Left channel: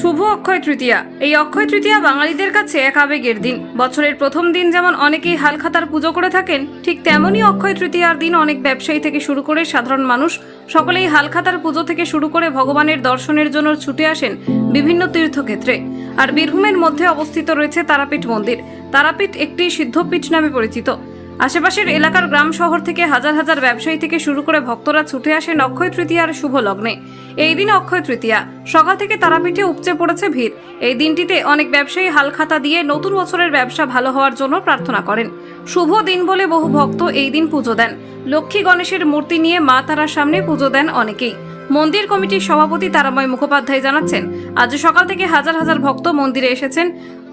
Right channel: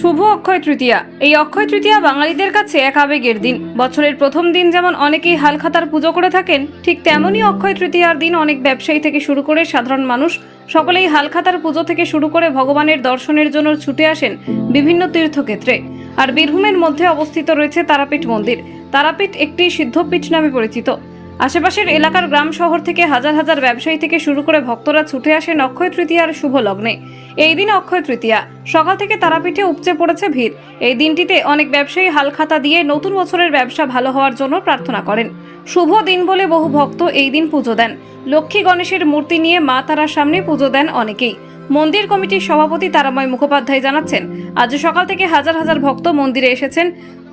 শুভ অক্ষয় তৃতীয়া। এই অক্ষয় তৃতীয়া বাঙালিদের কাছে এক আবেগের দিন। বছরের প্রথম দিন যেমন অনেকেই হালখাতার পুজো করে থাকেন, ঠিক তেমনই অক্ষয় তৃতীয়ার দিন অনেক ব্যবসায়ী থেকে শুরু করে সাধারণ মানুষ সকলেই হালখাতার পুজো থেকে শুরু করে ভগবানের দর্শনের জন্য ছুটে আসেন বিভিন্ন তীর্থক্ষেত্রে। আর বীরভূমের মধ্যে অবস্থিত রয়েছে তারাপীঠ মন্দির। তারাপীঠ একটি সিদ্ধপীঠ নামে পরিচিত। আশেপাশের এলাকার গ্রাম শহর থেকে হাজার হাজার ব্যবসায়ী থেকে শুরু করে ভক্তরা ছুটে আসেন অক্ষয় তৃতীয়ার শুভ লগ্নে। এই দিন অক্ষয় তৃতীয়া। সকাল থেকে তারাপীঠে উপচে পড়েছে ভিড়। এই দিনটিতে অনেক ব্যবসায়ী হালখাতা দিয়ে নতুন বছরের ব্যবসা ভালো হওয়ার জন্য প্রার্থনা করেন। শুভ দিন বলে বহু ভক্ত এই দিন পুজো দেন। লক্ষ্মী গণেশের মূর্তি নিয়ে মা তারার সামনে পুজো দেন অনেকেই। মন্দির কমিটির সভাপতি তারাময় মুখোপাধ্যায় জানাচ্ছেন, আজ সকাল থেকে হাজার হাজার ভক্ত মন্দিরে এসেছেন।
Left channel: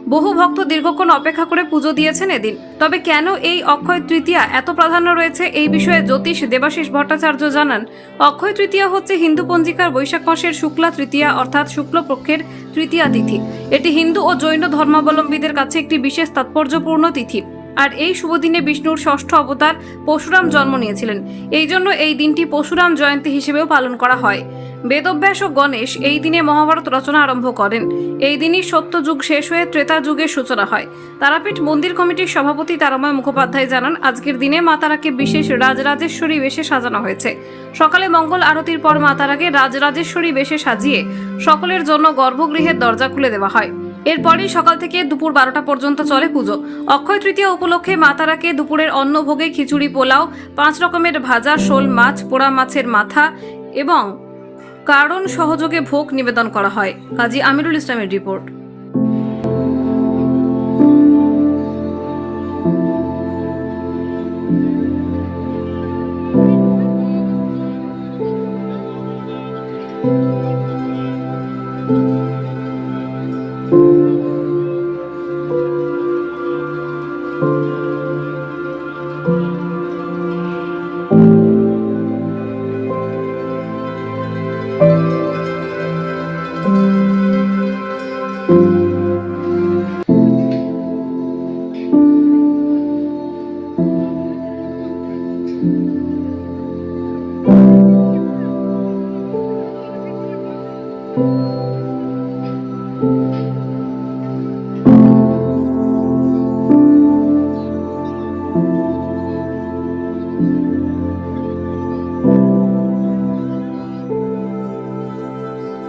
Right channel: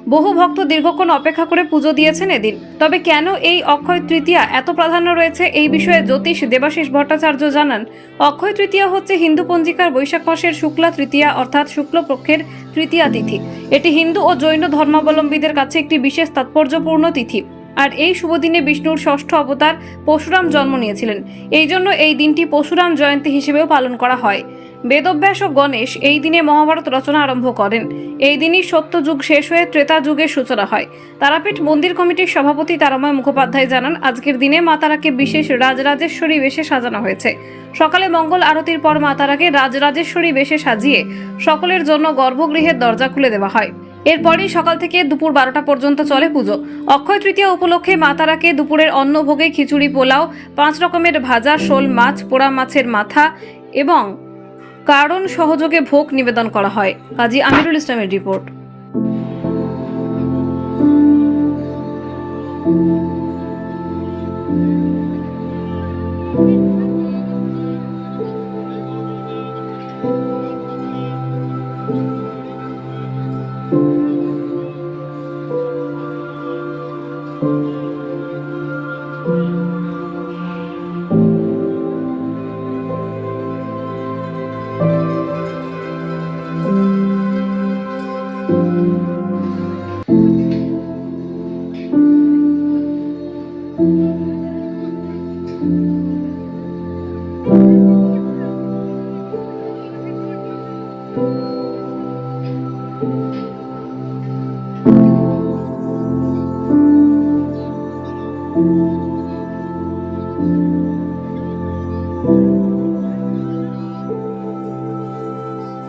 বহু ভক্ত দীর্ঘক্ষণ অপেক্ষা করে পুজো দিয়েছেন এদিন। তবে কেন এই অক্ষয় তৃতীয়া এত প্রাধান্য রয়েছে এই বিষয়ে জ্যোতিষ দেবাশিস ভট্টাচার্য জানান, অক্ষয় তৃতীয়া হচ্ছে হিন্দু পঞ্জিকার বৈশাখ মাসের শুক্লা তৃতীয়া অর্থাৎ শুক্লপক্ষের তৃতীয়া তিথি। এটি হিন্দু ও জৈন ধর্মাবলম্বীদের কাছে একটি বিশেষ তাৎপর্যপূর্ণ তিথি। আর এই শুভ দিনে বিষ্ণুর ষষ্ঠ অবতার পরশুরাম জন্ম নিয়েছিলেন। এই জন্য এই দিনটি পরশুরাম জয়ন্তী হিসেবেও পালন করা হয়। বেদব্যাস ও গণেশ এই দিনে মহাভারত রচনা আরম্ভ করেন। এই দিনই সত্য যুগ শেষ হয়ে ত্রেতা যুগের সূচনা হয়। তারাপীঠ মন্দির কমিটির সভাপতি তারাময় মুখোপাধ্যায় জানান, আজকের দিনে মাতারাকে বিশেষ রাজরাজেশ্বরী বেশে সাজানো হয়েছে। সকালে মঙ্গল আরতির পর মাতারাকে রাজরাজেশ্বরী বেশে সাজিয়ে সকলের জন্য গর্ভগৃহের দরজা খুলে দেওয়া হয়। এরপরই সকাল থেকে দুপুর বারোটা পর্যন্ত চলে পুজো। অক্ষয় তৃতীয়া উপলক্ষে মাতারাকে দুপুরের অন্নভোগে খিচুড়ি, পোলাও, পাঁচ রকমের ভাজা, শোল মাছ, পোড়া মাছের মাথা এবং কারণ সহযোগে ভোগ নিবেদন করা হয়। কাজী আমিরুল ইসলামের রিপোর্ট।